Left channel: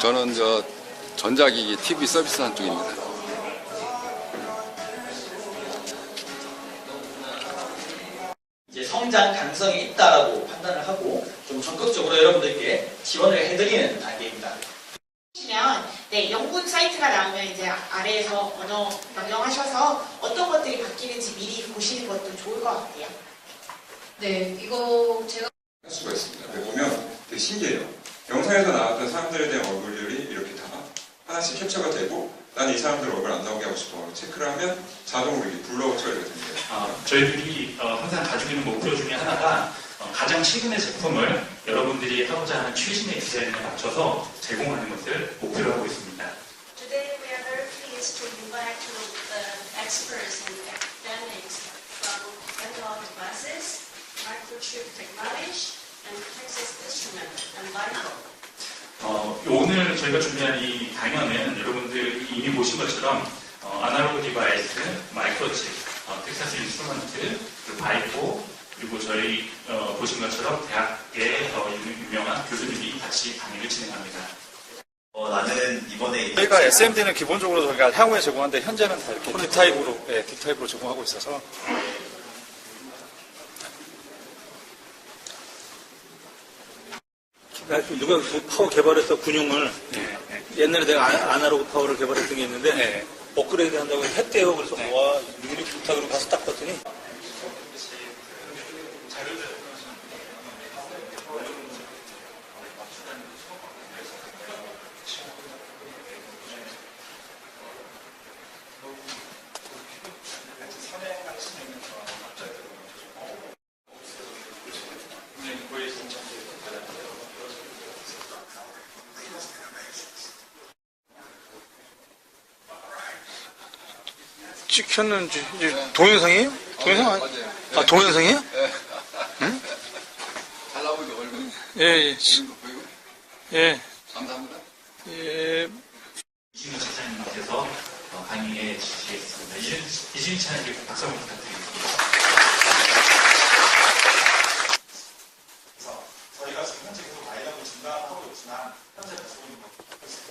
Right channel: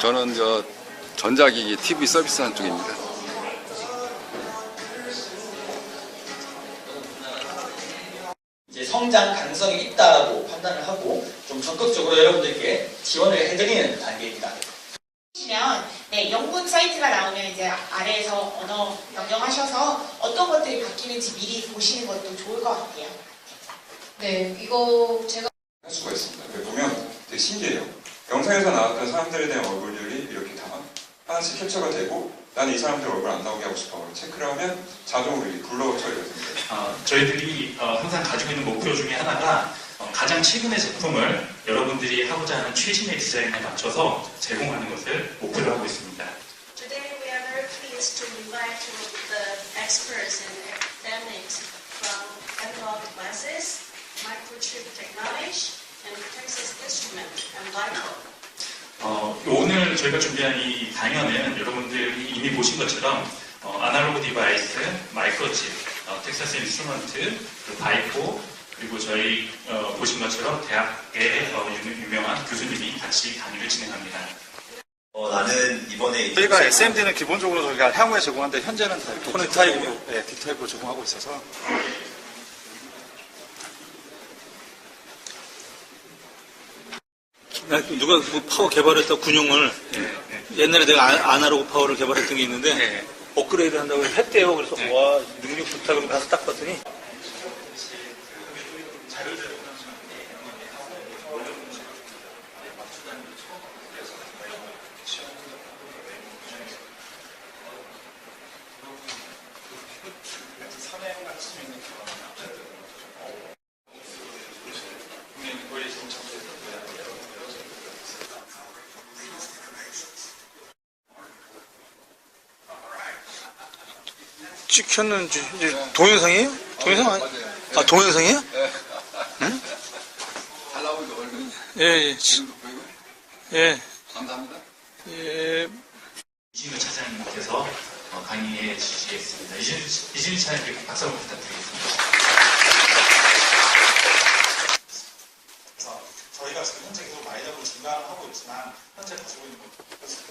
저는 전자기기 TV 서비스 한 쪽입니다. 이제 성장 가능성이 있다라고 판단을 하고 좀 적극적으로 여러분들께 지원을 해드리는 단계입니다. 네, 연구 사이트가 나오면 이제 아래에서 언어 변경하셔서 어떤 것들이 바뀌는지 미리 보시는 것도 좋을 것 같아요. 네, 이거 제가 할 수가 있습니다. 보면 되게 신기해요. 영상에서 나왔던 사람들에 대한 얼굴들이 이렇게 다 하나씩 캡처가 되고 나는 이 사람들 얼굴 안 나오게 하고 싶어 체크를 하면 자동으로 이렇게 블러우 처리가 됩니다. 저희들이 항상 가지고 있는 목표 중에 하나가 가장 최근의 제품을 여러분들이 하고자 하는 최신의 디자인에 맞춰서 제공하는 것을 목표로 하고 있습니다. Today we are very pleased to invite the experts and academics from analog devices, microchip technology, and Texas Instruments and Micro. 오늘 저희가 준비한 이 강연은 여러분들이 이미 보신 것처럼 아날로그 디바이스, 마이크로칩, 텍사스 인스트루먼트, 바이포, 그리고 저희 보신 것처럼 대학의 유명한 교수님이 같이 강의를 진행합니다. 나는 이번에 저희가 SMD는 기본적으로 저희가 향후에 제공하는데 현재는 다 이렇게 D타입으로, 네, D타입으로 제공하고 있어서 누가 그 파워 개발했던 군용을 옛날에 내가 아날로그 파워를 개발했던 게 있는데 업그레이드 한다고 했대요. 그래서 와 능력 좋다 그러고 가서 딱 봤더니 찍혔는지 이제 동영상이에요? 동영상 아니? 맞아요. 아 동영상이에요? 예. 응? 잘 나오죠, 얼굴. 예. 지금도 보이고. 예. 감사합니다. 예. 이준희 차장님께서 강의에 주시겠습니다. 이준희 차장님께 박수 한번 부탁드리겠습니다. 그래서 저희가 지금 현재 계속 마이너로 증가하고 있지만 현재 가지고 있는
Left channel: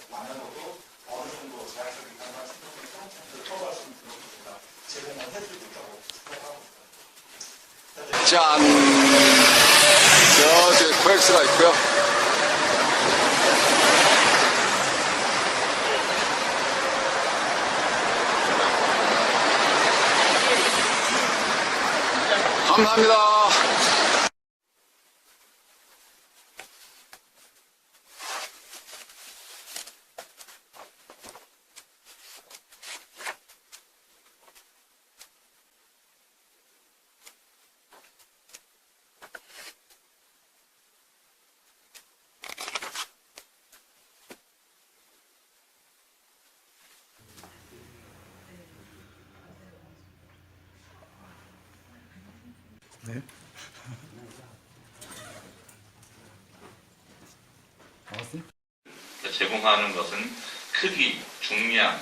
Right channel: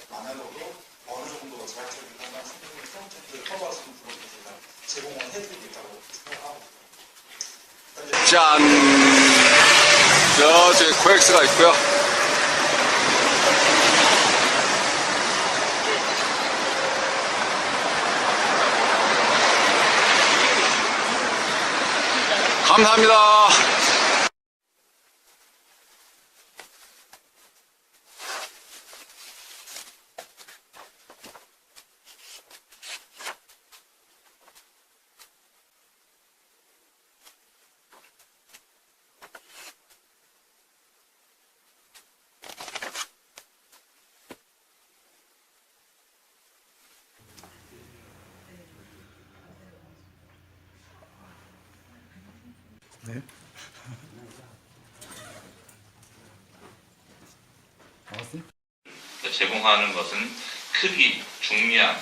것만으로도 어느 정도 제약적인 상관 충분히 프론트엔드를 커버할 수 있는 부분을 저희가 제공을 해드리고 있다고 생각하고 있습니다. 짠! 저쪽에 코엑스가 있고요. 감사합니다. 네. 제공하는 것은 크기, 중량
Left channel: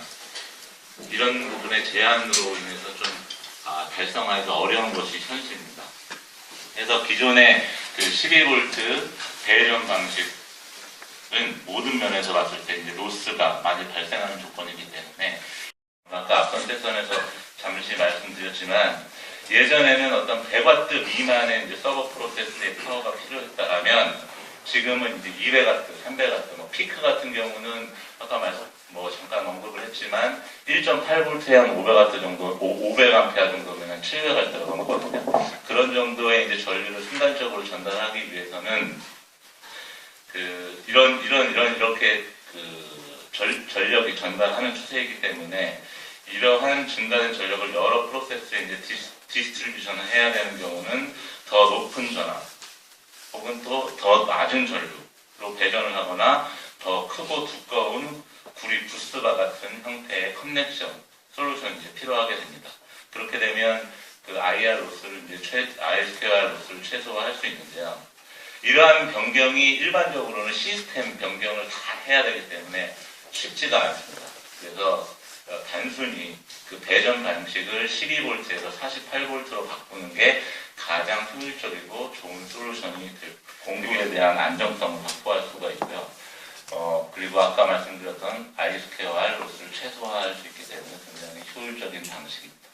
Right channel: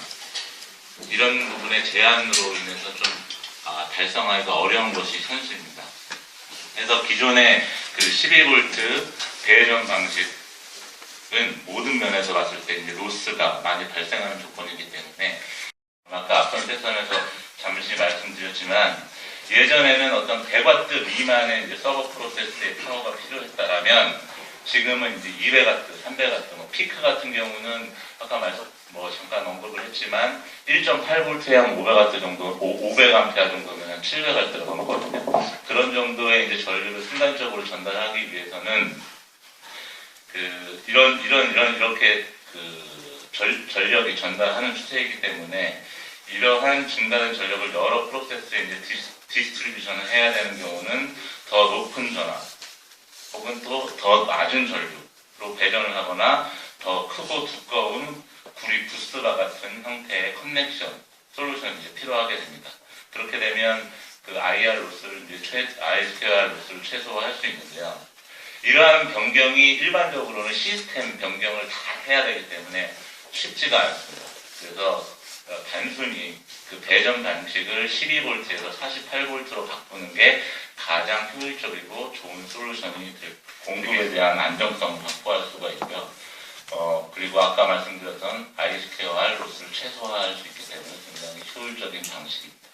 이런 부분의 제한으로 인해서 좀 달성하기가 어려운 것이 현실입니다. 그래서 기존의 그 12V 배전 방식은 모든 면에서 봤을 때 이제 로스가 많이 발생하는 조건이기 때문에 아까 앞선 세션에서 잠시 말씀드렸지만 예전에는 어떤 100W 미만의 이제 서버 프로세스의 파워가 필요했다라면 지금은 이제 200W, 300W, 피크 같은 경우는 아까 잠깐 언급을 했지만 1.8V에 500W 정도, 500A 정도면 700W가 넘거든요. 그런 정도의 이제 전류를 순간적으로 전달하기 위해서는 이렇게 전력이 전달하는 추세이기 때문에 이러한 증가된 전력을 여러 프로세스에 이제 디스트리뷰션을 해야 되는 경우는 더 높은 전압 혹은 또 더 낮은 전류로 배전을 하거나 더 크고 두꺼운 구리 부스바 같은 형태의 커넥션 솔루션이 이제 필요하게 됩니다. 그렇게 되면 그 IR 로스를 ISQR 로스를 최소화할 수 있는데요. 이러한 변경이 일반적으로는 시스템 변경을 다 해야 되기 때문에 쉽지가 않습니다. 그래서 단순히 그 배전 방식을 12V에서 48V로 바꾸는 게 가장 효율적이고 좋은 솔루션이 될 공급에 대한 안정성을 확보할 수가 있고요. 그리고 아까 말씀드렸던 I스퀘어와 로스를 최소화할 수 있기 때문에 굉장히 효율적인 방식입니다.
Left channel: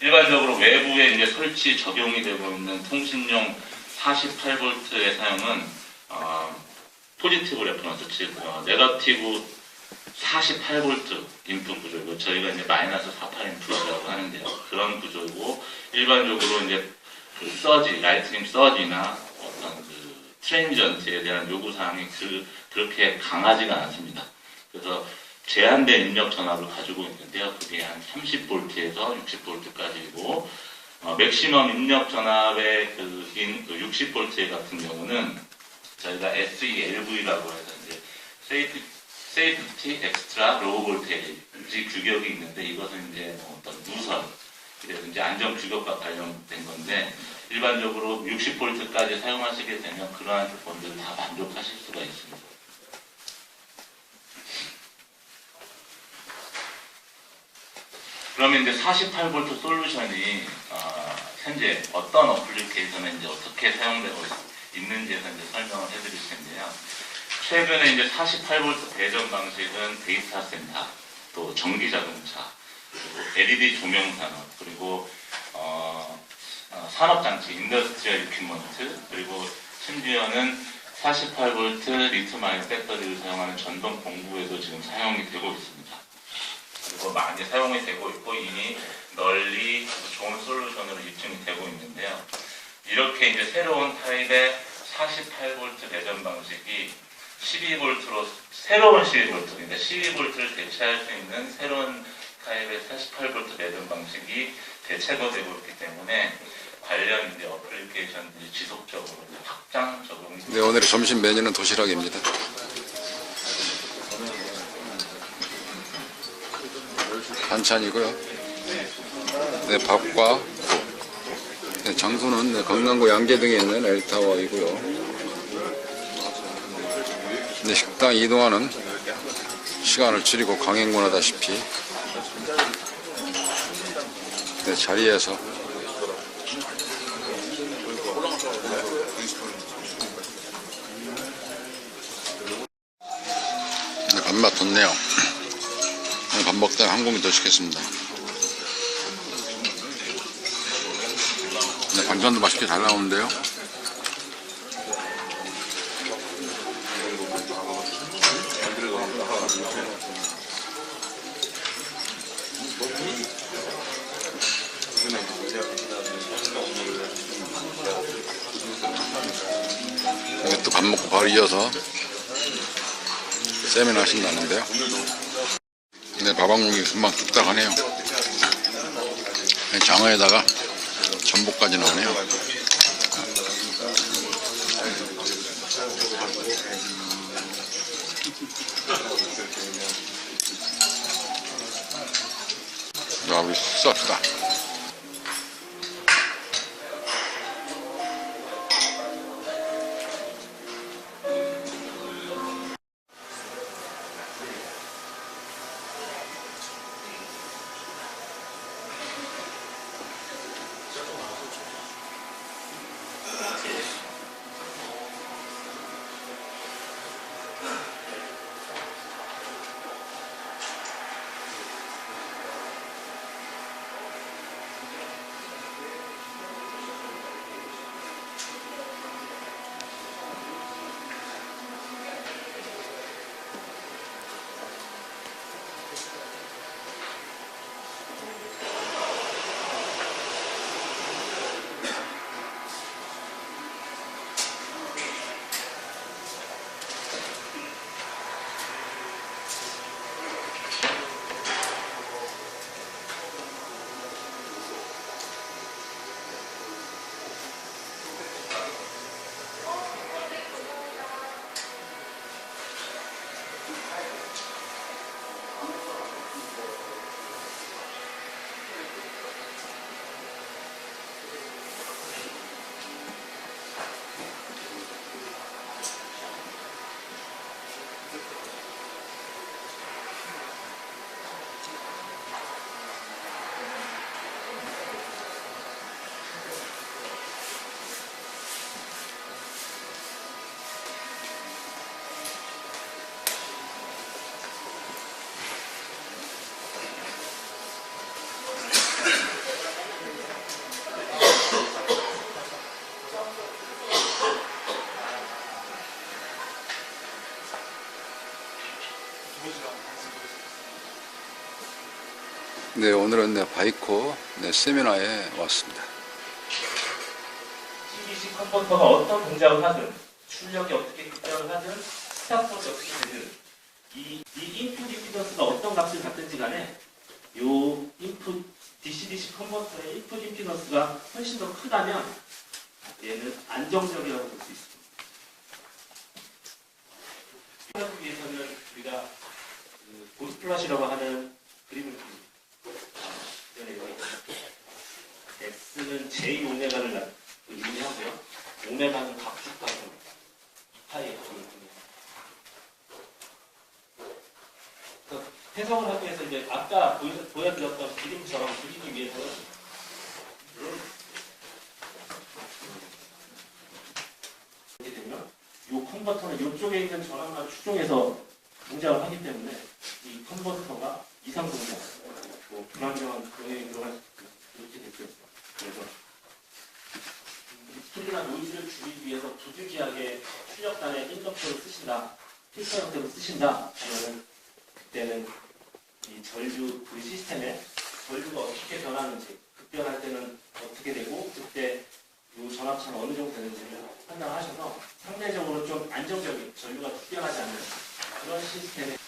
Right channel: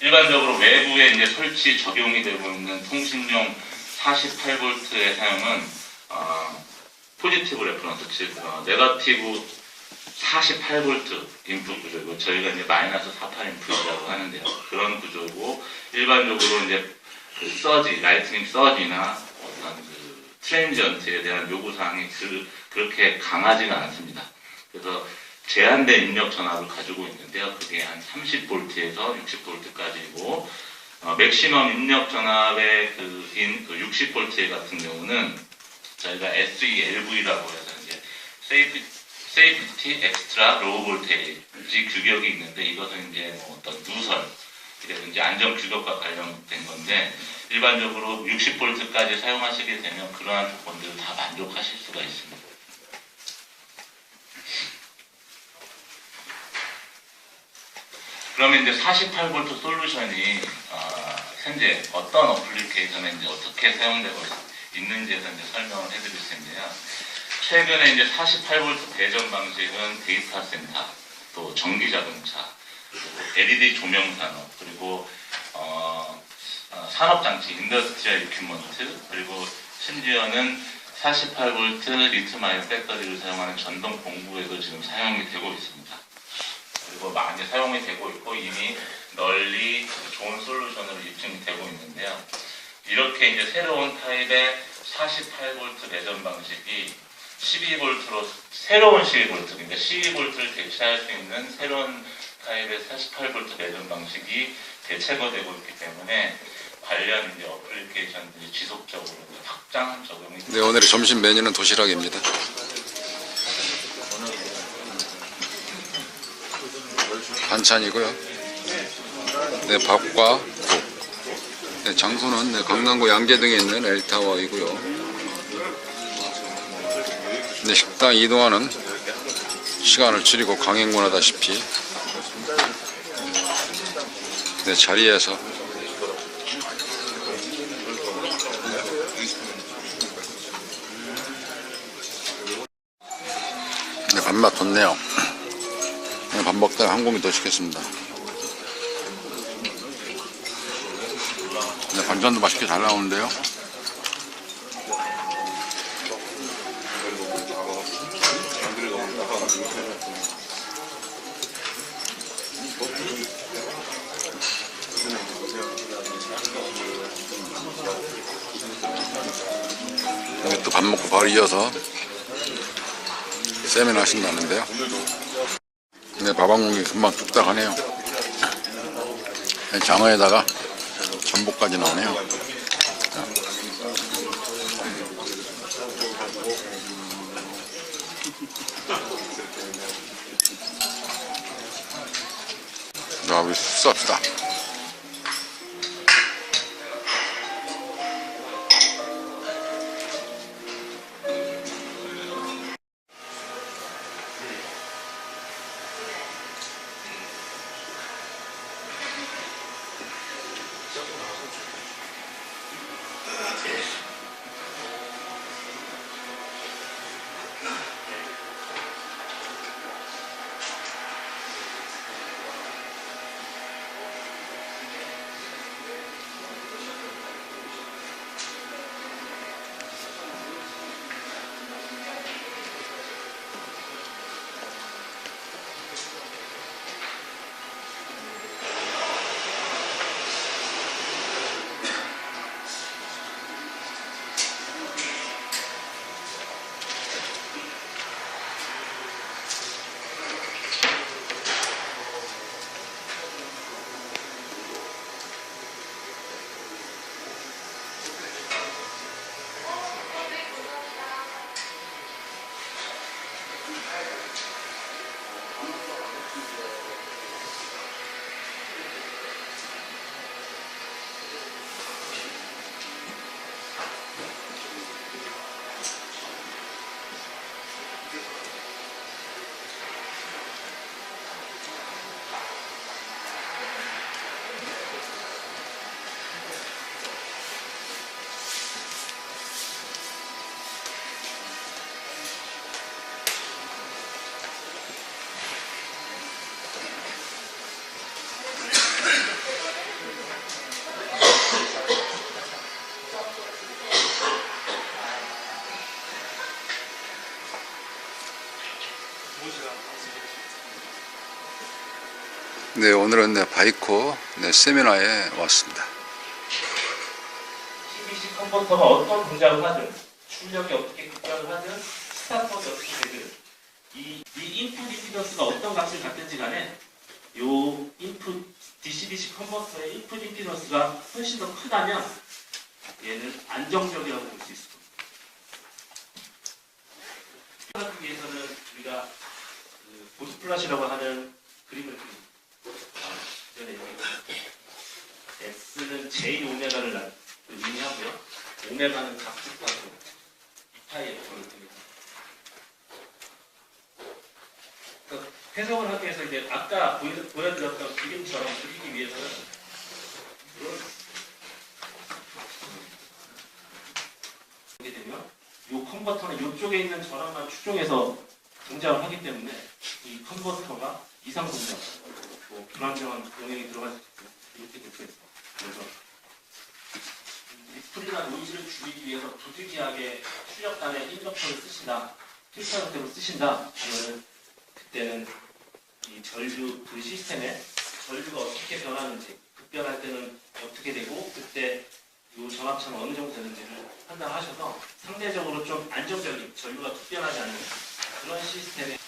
일반적으로 외부에 이제 설치 적용이 되고 있는 통신용 48V의 사용은 포지티브 레퍼런스, 즉 네거티브 48V 인풋 구조이고 저희가 이제 마이너스 48 인풋이라고 하는데요. 그런 구조이고 일반적으로 이제 그 서지, 라이트닝 서지나 어떤 그 트랜지언트에 대한 요구 사항이 그렇게 강하지가 않습니다. 그래서 제한된 입력 전압을 가지고 있는데요. 그게 한 30V에서 60V까지고 맥시멈 입력 전압의 그 60V 같은 경우는 저희가 SELV라고 해서 이제 세이프티 엑스트라 로우 볼테이지 규격이 있는데 이것은 이제 어떤 누설, 그래서 이제 안전 규격과 관련된 건데 일반적으로 60V까지 사용하시게 되면 그러한 조건들을 다 만족하실 수가 있습니다. 그러면 이제 48V 솔루션이 현재 어떤 어플리케이션에 이제 어떻게 사용되고 있는지에 대해서 이제 설명을 해드릴 텐데요. 최근에 이제 48V 배전 방식은 데이터 센터, 또 전기 자동차, 그리고 LED 조명 산업, 그리고 산업 장치, 인더스트리얼 이퀴먼트, 그리고 심지어는 48V 리튬 아이온 배터리를 사용하는 전동 공구에도 지금 사용이 되고 있습니다. 그리고 많이 사용이 되고 있고 이미 널리 좋은 솔루션으로 입증이 되고 있는데요. 이렇게 이제 새로운 타입의 48V 배전 방식이 12V로 새로운 12V, 그러니까 12V를 대체할 수 있는 새로운 타입의 48V 배전 방식이 대체가 되고 있기 때문에 관련 이제 어플리케이션들이 지속적으로 확장 적용이. 네, 오늘의 점심 메뉴는 도시락입니다. 반찬이고요. 네, 밥과 국. 네, 장소는 네, 강남구 양재동에 있는 L타워이고요. 네, 식당 이동하는 시간을 줄이고 강행군하다시피 네, 자리에서 네, 밥맛 좋네요. 네, 밥 먹다가 한 공기 더 시켰습니다. 네, 반찬도 맛있게 잘 나오는데요. 또 밥 먹고 바로 이어서 세미나 하신다는데요. 네, 밥 한 공기 금방 뚝딱 하네요. 장어에다가 전복까지 나오네요. 자, 우리 식사합시다. 네, 오늘은 바이코 세미나에 왔습니다. CBC 컨버터가 어떤 동작을 하든, 출력이 어떻게 급변을 하든, 스탑워드 어떻게 되든, 이 인풋 임피던스가 어떤 값을 갖든지 간에 요 인풋 DC-DC 컨버터의 인풋 임피던스가 훨씬 더 크다면 얘는 안정적이라고 볼 수 있습니다. 하기 위해서는 우리가 보스플롯이라고 하는 그림을 그립니다. X는 J 오메가를 의미하고요. 오메가는 각축하고 이파이의 거를 듭니다. 해석을 하기 위해서 이제 아까 보여드렸던 그림처럼 그리기 위해서는 이렇게 되면 이 컨버터는 이쪽에 있는 전압만 추종해서 동작을 하기 때문에 이 컨버터가 이상 동작, 불안정한 병행이 들어갈 수 있고 이렇게 될 수 있어요. 그래서 리플이나 노이즈를 줄이기 위해서 부득이하게 출력단에 인덕터를 쓰신다, 필터 형태로 쓰신다 하면은 그때는 이 전류 그 시스템에 전류가 어떻게 변하는지, 급변할 때는 어떻게 되고 그때 이 전압차는 어느 정도 되는지를 판단하셔서 상대적으로 좀 안정적인 전류가 급변하지 않는 그런 시스템에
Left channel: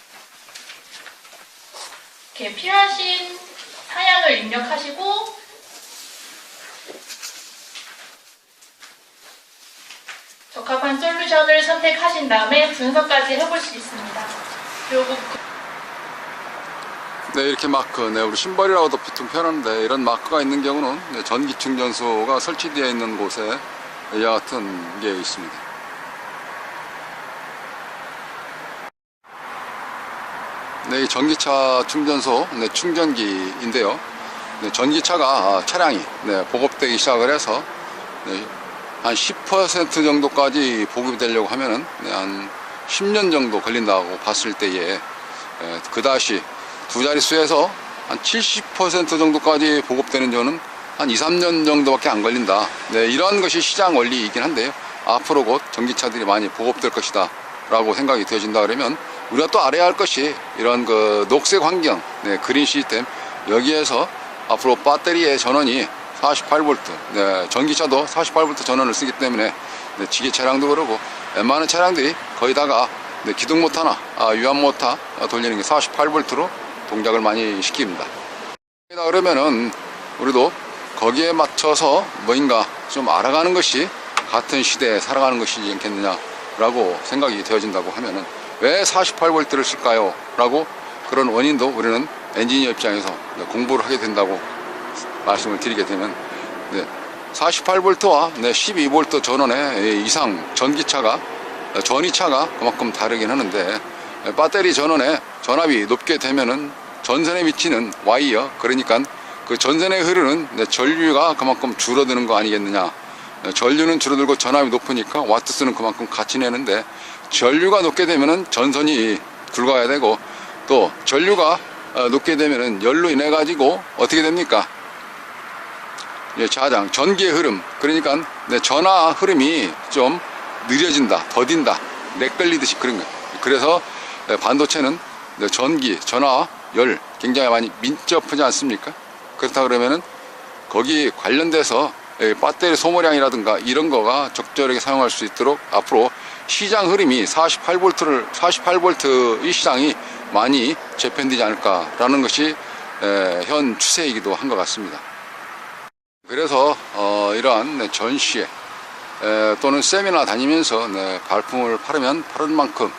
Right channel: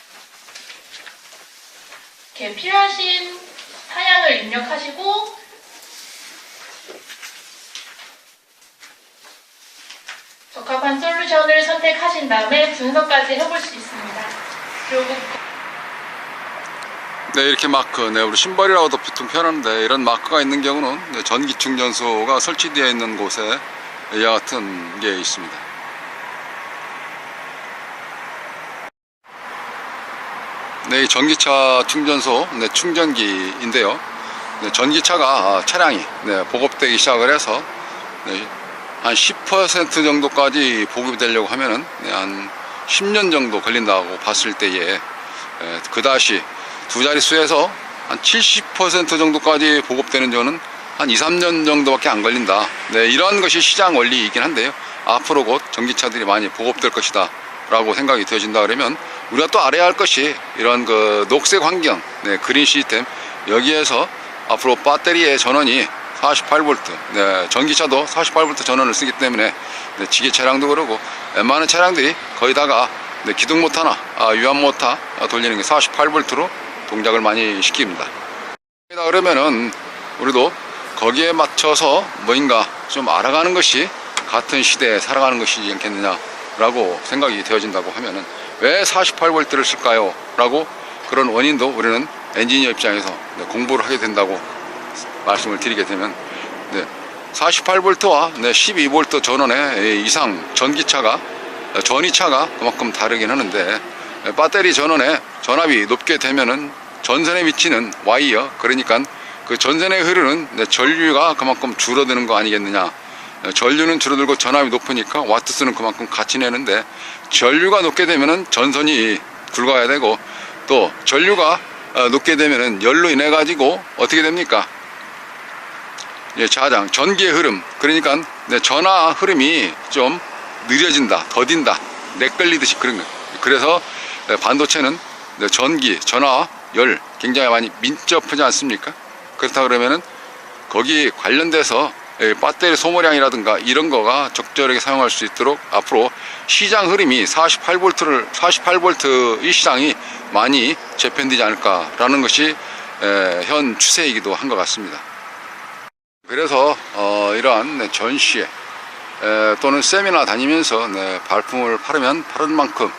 이렇게 필요하신 사양을 입력하시고 적합한 솔루션을 선택하신 다음에 분석까지 해볼 수 있습니다. 그리고 네, 이렇게 마크, 우리 심벌이라고도 보통 표현하는데 이런 마크가 있는 경우는 전기 충전소가 설치되어 있는 곳에 이와 같은 게 있습니다. 네, 이 전기차 충전소 충전기인데요. 전기차가 차량이 보급되기 시작을 해서 한 10% 정도까지 보급이 되려고 하면은 한 10년 정도 걸린다고 봤을 때에 그다시 두 자릿수에서 한 70% 정도까지 보급되는 저는 한 2, 3년 정도밖에 안 걸린다. 이런 것이 시장 원리이긴 한데요. 앞으로 곧 전기차들이 많이 보급될 것이다 라고 생각이 되어진다 그러면 우리가 또 알아야 할 것이 이런 그 녹색 환경, 그린 시스템, 여기에서 앞으로 배터리의 전원이 48V, 전기차도 48V 전원을 쓰기 때문에 지게 차량도 그러고 웬만한 차량들이 거의다가 기둥 모터나 유압 모터 돌리는 게 48V로 동작을 많이 시킵니다. 그러면은 우리도 거기에 맞춰서 뭔가 좀 알아가는 것이 같은 시대에 살아가는 것이지 않겠느냐 라고 생각이 되어진다고 하면은 왜 48V를 쓸까요? 라고 그런 원인도 우리는 엔지니어 입장에서 공부를 하게 된다고 말씀을 드리게 되면 48V와 12V 전원의 이상 전기차가 전이차가 그만큼 다르긴 하는데 배터리 전원에 전압이 높게 되면은 전선에 미치는 와이어, 그러니까 그 전선에 흐르는 전류가 그만큼 줄어드는 거 아니겠느냐. 전류는 줄어들고 전압이 높으니까 와트수는 그만큼 같이 내는데 전류가 높게 되면은 전선이 굵어야 되고 또 전류가 높게 되면은 열로 인해 가지고 어떻게 됩니까? 자장, 전기의 흐름, 그러니까 전화 흐름이 좀 느려진다, 더딘다, 내끌리듯이 그런 거예요. 그래서 반도체는 전기, 전화, 열 굉장히 많이 민첩하지 않습니까? 그렇다 그러면은 거기 관련돼서 배터리 소모량이라든가 이런 거가 적절하게 사용할 수 있도록 앞으로 시장 흐름이 48V 이 시장이 많이 재편되지 않을까라는 것이 현 추세이기도 한 것 같습니다. 그래서 이러한 전시회 또는 세미나 다니면서 발품을 팔으면 파는 만큼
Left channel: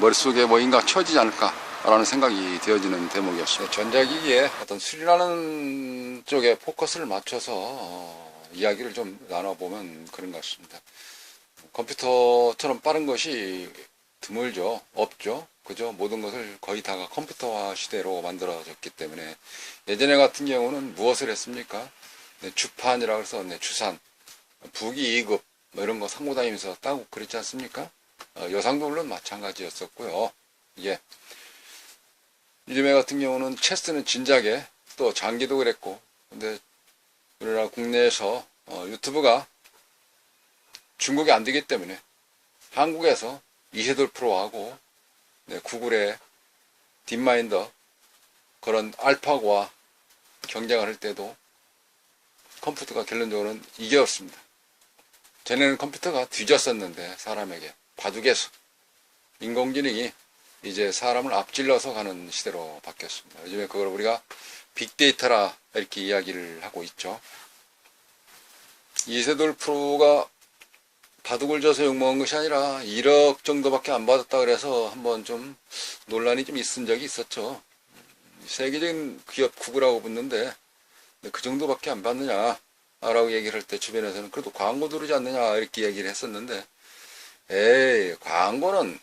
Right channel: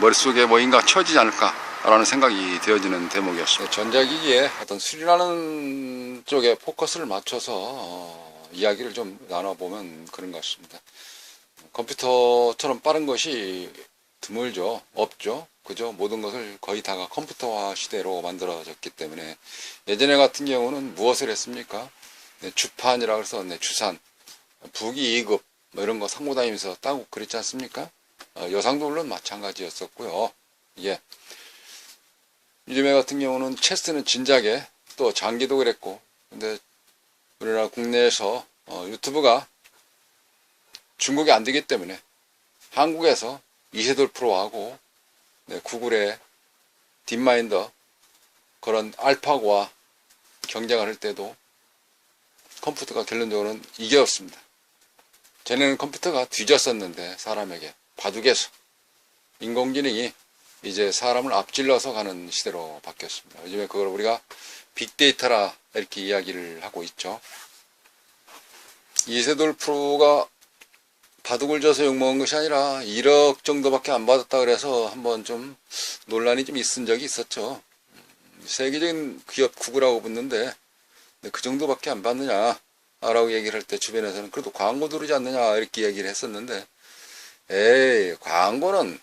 머릿속에 뭐인가 채워지지 않을까라는 생각이 되어지는 대목이었습니다. 전자기기에 어떤 수리라는 쪽에 포커스를 맞춰서 이야기를 좀 나눠보면 그런 것 같습니다. 컴퓨터처럼 빠른 것이 드물죠. 없죠. 그죠? 모든 것을 거의 다가 컴퓨터화 시대로 만들어졌기 때문에 예전에 같은 경우는 무엇을 했습니까? 주판이라고 해서 주산, 부기 2급 뭐 이런 거 상고 다니면서 따고 그랬지 않습니까? 여상도 물론 마찬가지였었고요. 이게 요즘에 같은 경우는 체스는 진작에 또 장기도 그랬고, 근데 우리나라 국내에서 유튜브가 중국이 안 되기 때문에 한국에서 이세돌 프로하고 구글의 딥마인더 그런 알파고와 경쟁을 할 때도 컴퓨터가 결론적으로는 이겼습니다. 전에는 컴퓨터가 뒤졌었는데 사람에게 바둑에서 인공지능이 이제 사람을 앞질러서 가는 시대로 바뀌었습니다. 요즘에 그걸 우리가 빅데이터라 이렇게 이야기를 하고 있죠. 이세돌 프로가 바둑을 져서 욕먹은 것이 아니라 1억 정도밖에 안 받았다 그래서 한번 좀 논란이 좀 있은 적이 있었죠. 세계적인 기업 구글하고 붙는데 그 정도밖에 안 받느냐 라고 얘기를 할 때 주변에서는 그래도 광고 들어오지 않느냐 이렇게 얘기를 했었는데, 에이 광고는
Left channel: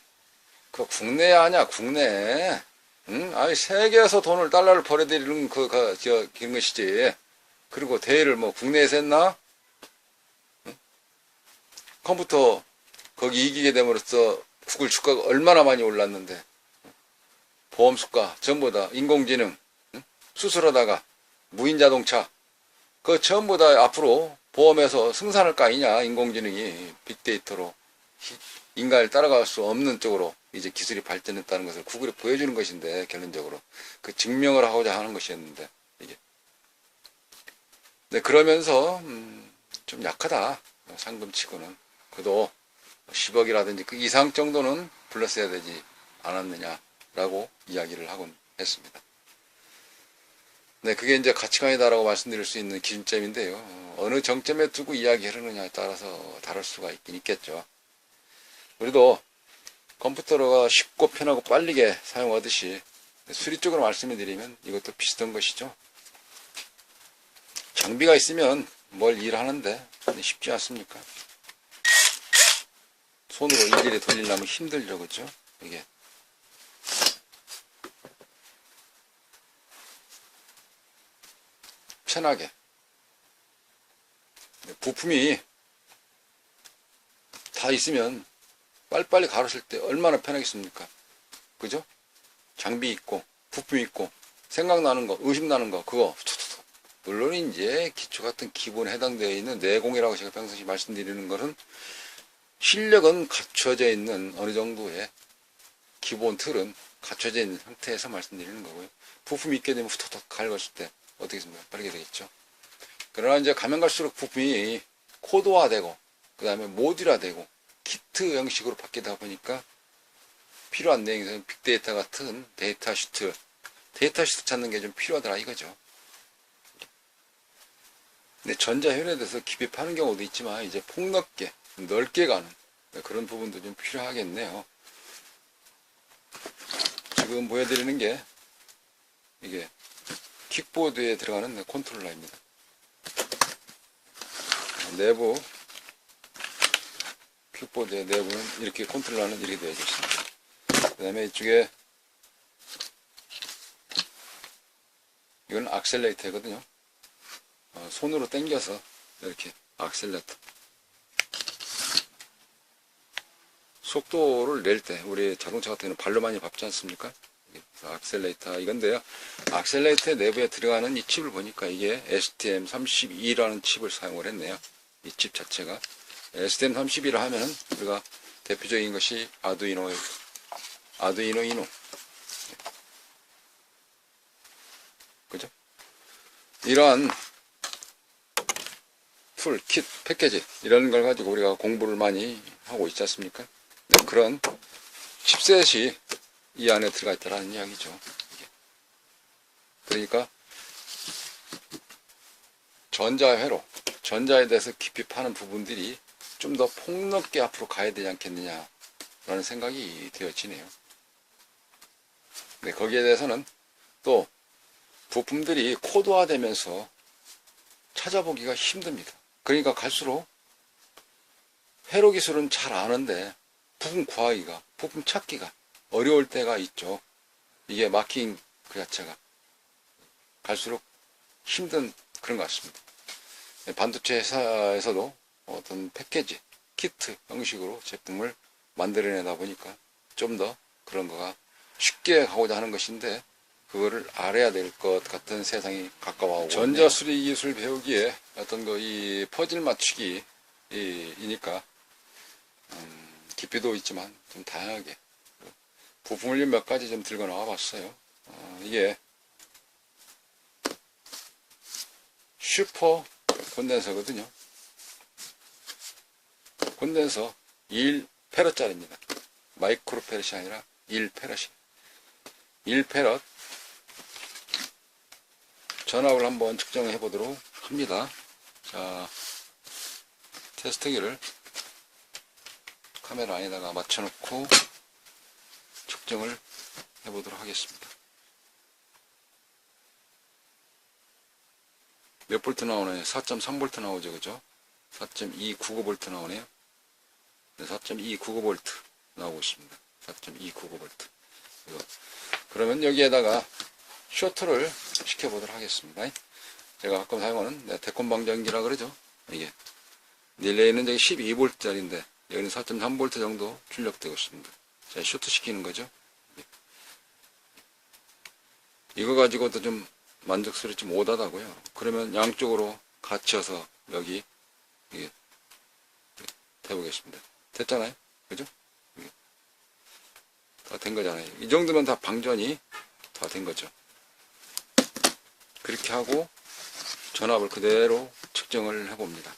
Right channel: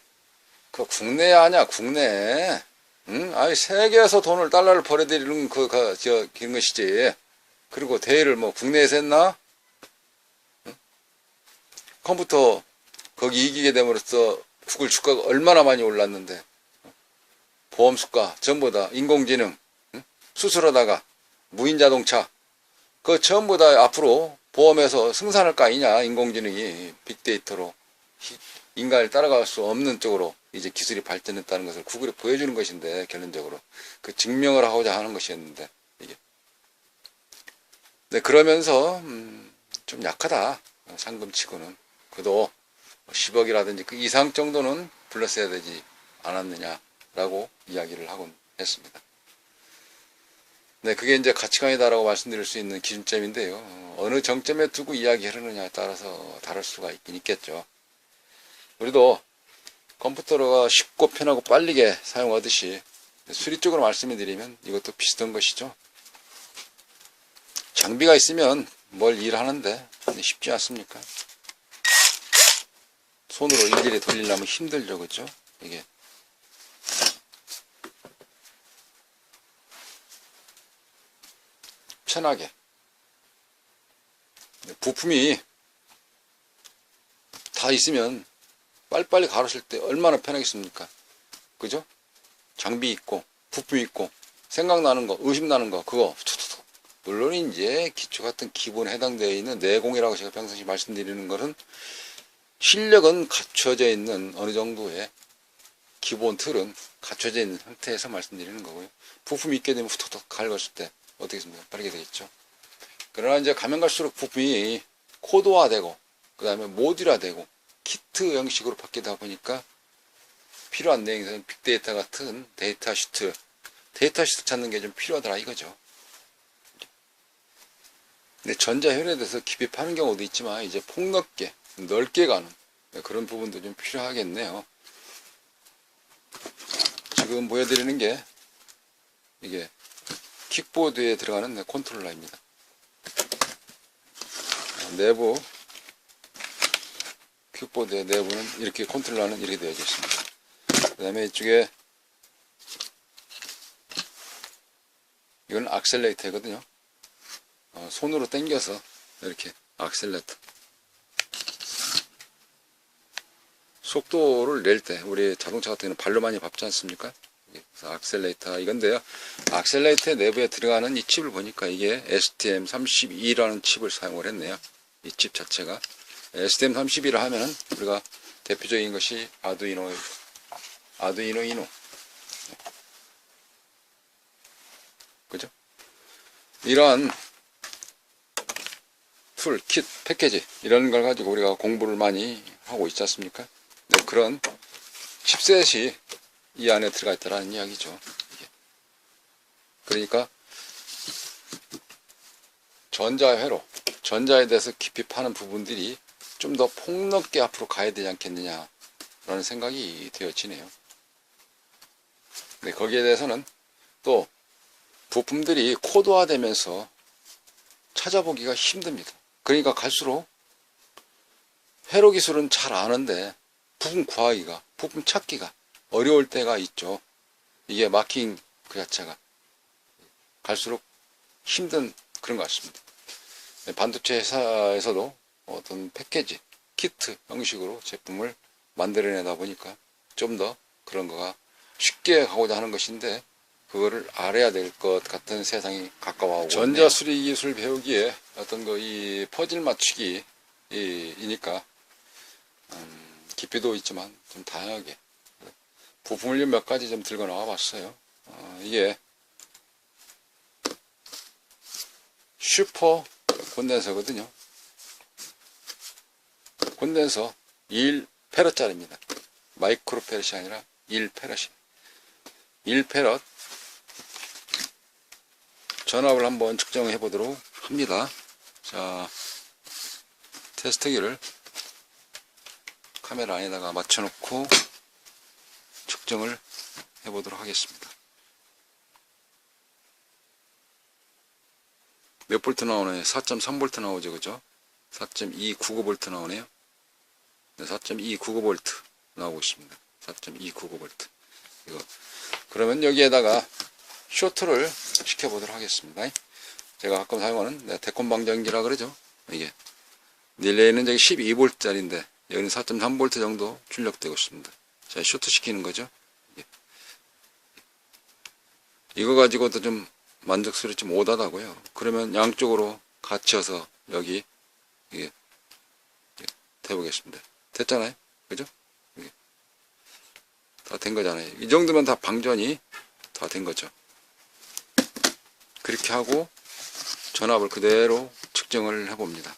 그 국내 아냐 국내. 응? 아니 세계에서 돈을 달러를 벌어들이는 그런 것이지. 그리고 대회를 뭐 국내에서 했나? 응? 컴퓨터 거기 이기게 됨으로써 구글 주가가 얼마나 많이 올랐는데, 보험 수가 전부 다 인공지능, 응? 수술하다가 무인 자동차, 그 전부 다 앞으로 보험에서 승산할 거 아니냐. 인공지능이 빅데이터로 인간을 따라갈 수 없는 쪽으로 이제 기술이 발전했다는 것을 구글이 보여주는 것인데, 결론적으로 그 증명을 하고자 하는 것이었는데, 이게 네, 그러면서 좀 약하다 상금치고는. 그래도 10억이라든지 그 이상 정도는 불렀어야 되지 않았느냐라고 이야기를 하곤 했습니다. 네, 그게 이제 가치관이다라고 말씀드릴 수 있는 기준점인데요. 어느 정점에 두고 이야기하느냐에 따라서 다를 수가 있긴 있겠죠. 우리도 컴퓨터가 쉽고 편하고 빠르게 사용하듯이 수리적으로 말씀을 드리면 이것도 비슷한 것이죠. 장비가 있으면 뭘 일하는데 쉽지 않습니까? 손으로 일일이 돌리려면 힘들죠, 그죠? 이게. 편하게. 부품이 다 있으면 빨리빨리 가르칠 때 얼마나 편하겠습니까? 그죠? 장비 있고, 부품 있고, 생각나는 거, 의심나는 거, 그거, 툭툭툭. 물론 이제 기초 같은 기본에 해당되어 있는 내공이라고 제가 평상시 말씀드리는 것은 실력은 갖춰져 있는 어느 정도의 기본 틀은 갖춰져 있는 상태에서 말씀드리는 거고요. 부품이 있게 되면 툭툭툭 긁었을 때 어떻게 됩니까? 빠르게 되겠죠. 그러나 이제 가면 갈수록 부품이 코드화되고, 그 다음에 모듈화되고, 키트 형식으로 바뀌다 보니까 필요한 내용에서는 빅데이터 같은 데이터 시트 찾는 게 좀 필요하더라 이거죠. 근데 전자현에 대해서 깊이 파는 경우도 있지만 이제 폭넓게 넓게 가는 그런 부분도 좀 필요하겠네요. 지금 보여드리는 게 이게 킥보드에 들어가는 컨트롤러입니다. 내부 킥보드의 내부는 이렇게 컨트롤러는 이렇게 되어 있습니다. 그 다음에 이쪽에 이건 악셀레이터거든요. 손으로 당겨서 이렇게 악셀레이터 속도를 낼 때 우리 자동차 같은 경우는 발로 많이 밟지 않습니까? 그래서 악셀레이터 이건데요. 악셀레이터 내부에 들어가는 이 칩을 보니까 이게 STM32라는 칩을 사용을 했네요. 이 칩 자체가 STM32라 하면 우리가 대표적인 것이 아두이노 이노. 그죠? 이러한 툴, 킷, 패키지 이런 걸 가지고 우리가 공부를 많이 하고 있지 않습니까? 네, 그런 칩셋이 이 안에 들어가 있다라는 이야기죠. 이게. 그러니까 전자에 대해서 깊이 파는 부분들이 좀 더 폭넓게 앞으로 가야 되지 않겠느냐라는 생각이 되어지네요. 네, 거기에 대해서는 또 부품들이 코드화되면서 찾아보기가 힘듭니다. 그러니까 갈수록 회로 기술은 잘 아는데 부품 구하기가, 부품 찾기가 어려울 때가 있죠. 이게 마킹 그 자체가 갈수록 힘든 그런 것 같습니다. 반도체 회사에서도 어떤 패키지, 키트 형식으로 제품을 만들어내다 보니까 좀 더 그런 거가 쉽게 가고자 하는 것인데 그거를 알아야 될 것 같은 세상이 가까워오고 전자 수리 기술 배우기에 어떤 이 퍼즐 맞추기 이니까 깊이도 있지만 좀 다양하게 부품을 몇 가지 좀 들고 나와 봤어요. 이게 슈퍼 콘덴서거든요. 콘덴서 1페럿짜리입니다. 마이크로 페럿이 아니라 1페럿이. 1페럿 전압을 한번 측정해 보도록 합니다. 자, 테스트기를 카메라 안에다가 맞춰놓고 측정을 해 보도록 하겠습니다. 몇 볼트 나오나요? 4.3V 나오죠, 그죠? 4.299V 나오네요. 네, 4.299V 나오고 있습니다. 4.299V. 이거. 그러면 여기에다가 쇼트를 시켜보도록 하겠습니다. 제가 가끔 사용하는 데콘 방전기라 그러죠. 이게. 릴레이는 저기 12V짜리인데, 여기는 4.3V 정도 출력되고 있습니다. 자, 쇼트 시키는 거죠. 이거 가지고도 좀 만족스럽지 좀 못하다고요. 그러면 양쪽으로 갇혀서 여기 이게 해보겠습니다. 됐잖아요, 그죠? 다 된 거잖아요. 이 정도면 다 방전이 다 된 거죠. 그렇게 하고 전압을 그대로 측정을 해봅니다.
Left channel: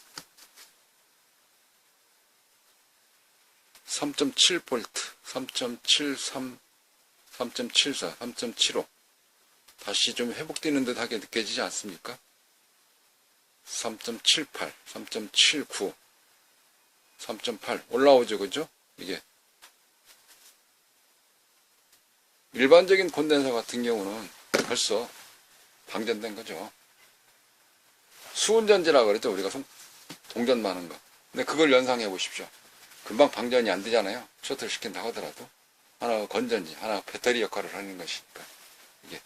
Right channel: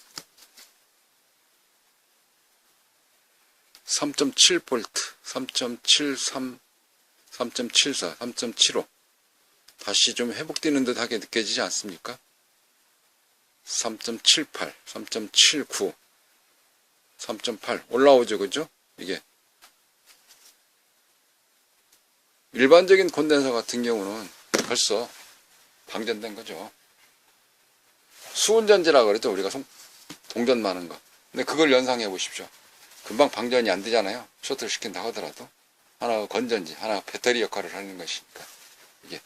3.7V, 3.73, 3.74, 3.75 다시 좀 회복되는 듯하게 느껴지지 않습니까? 3.78, 3.79, 3.8 올라오죠, 그죠? 이게 일반적인 콘덴서 같은 경우는 벌써 방전된 거죠. 수은전지라 그러죠, 우리가 동전 많은 거. 근데 그걸 연상해 보십시오. 금방 방전이 안 되잖아요. 쇼트를 시킨다 하더라도 하나가 건전지, 하나가 배터리 역할을 하는 것이니까. 이게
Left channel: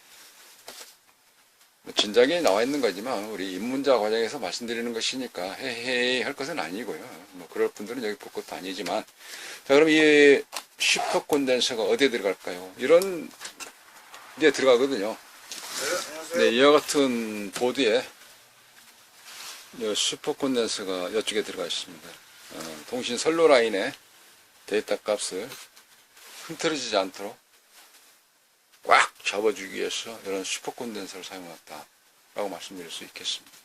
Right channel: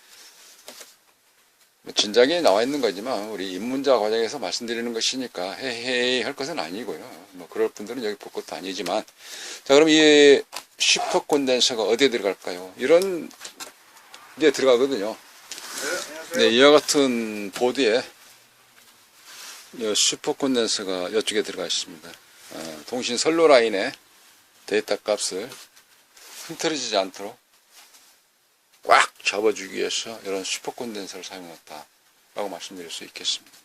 진작에 나와 있는 거지만 우리 입문자 과정에서 말씀드리는 것이니까 헤헤 할 것은 아니고요. 뭐 그럴 분들은 여기 볼 것도 아니지만, 자, 그럼 이 슈퍼 콘덴서가 어디에 들어갈까요? 이런 데 들어가거든요. 네, 이와 같은 보드에 슈퍼 콘덴서가 이쪽에 들어가 있습니다. 통신 선로 라인에 데이터 값을 흐트러지지 않도록 꽉 잡아주기 위해서 이런 슈퍼 콘덴서를 사용했다 라고 말씀드릴 수 있겠습니다.